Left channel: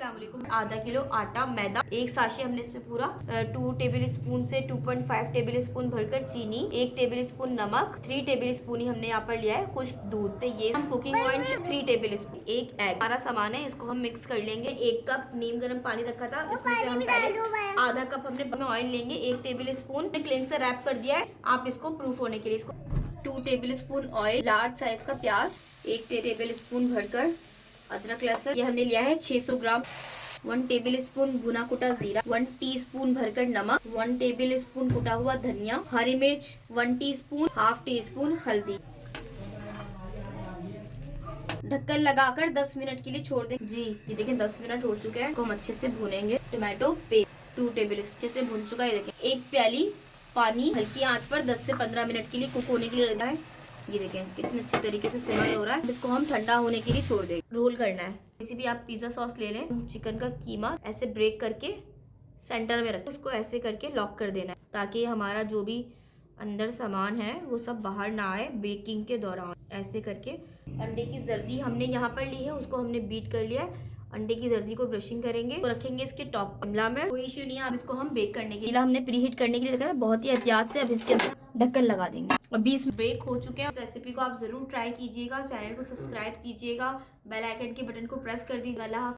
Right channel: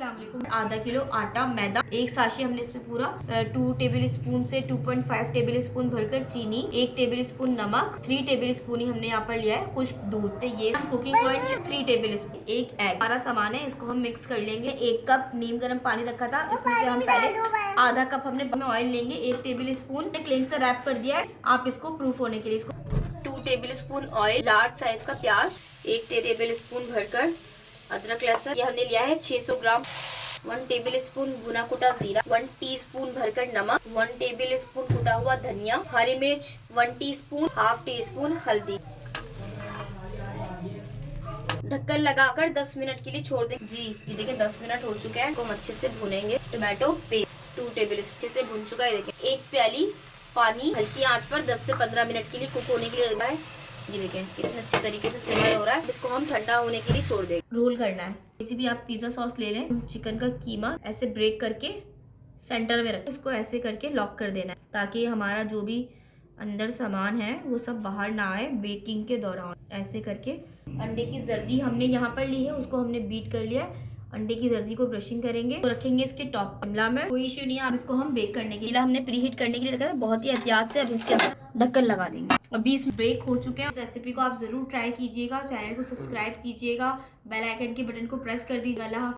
अस्सलाम वालेकुम। आधा किलो आटा, मैदा, एक साशे हमने इसमें पूरा 2 टेबल स्पून से 2.5 टेबल स्पून भरकर चीनी, 1 टेबल स्पून नमक, 3 टेबल स्पून ही हमने यहाँ पर लिया है खुश्क दूध। तो ये कुकिंग ऑयल 3 टेबल स्पून, एक एग, हमारा सामान है, इसको हम मिक्स कर लेंगे। 1 कप नीम गर्म पानी रखा था, इसमें से हम पहले आधा कप हमने ऑयल लेंगे। 1 टेबल स्पून क्लीन से रैप कर दिया है। आप इसको प्रूफ होने के लिए 2 table spoon oil, large size का प्याज, 1 टेबल स्पून भरकर अदरक लहसुन, ये हमने लिया है 600 ग्राम। 1 टेबल स्पून भुना कुटा जीरा, 1 टीस्पून भरकर नमक, 1 टेबल स्पून कुटा हुआ धनिया, हरी मिर्च 1 टीस्पून, हाफ टी स्पून हल्दी। ढक्कन लगाकर 10 मिनट के लिए छोड़ दें। जी ये देखें 10 मिनट हो चुके हैं, हम अच्छे से भुनेंगे। टोमेटो पेस्ट 2 टेबल अच्छे से भुन चुका है। देखें 1 प्याली पानी हल्की आंच पर 10 से 15 मिनट के लिए कुक होने के लिए रखा है। ये देखें कितने अच्छे तरीके से सिमर हो रहा है। इसको हम ठंडा होने के लिए छोड़ देंगे। रोल करना है, किसी भी आप पिज्जा सॉस ले लें। चिकन का कीमा ऐसे ब्रेक करके सेंटर में रखें, उसको ऐसे करके लॉक कर देना है ताकि हमारा जो भी अंदर सामान है वो सब बाहर ना आए बेकिंग के दौरान। ऐसे करके अंडे की जर्दी हमने यहाँ पर ली है, उसको हमने बीट कर लिया है। अंडे की जर्दी को ब्रशिंग करेंगे तो रखेंगे इसके टॉप। शिमला में कोई इश्यू नहीं है। अब इसको हम बेक करने के लिए हमने प्रीहीट करने के लिए रखा है, बहुत ही एहतियात से। अब इसके अंदर ढक्कन लगा देंगे। अभी इस ब्रेक हो चुके हैं। इस रेसिपी को आप जरूर ट्राई कीजिएगा, चैनल को सब्सक्राइब कीजिएगा, बेल आइकन के बटन को प्रेस कर दीजिएगा।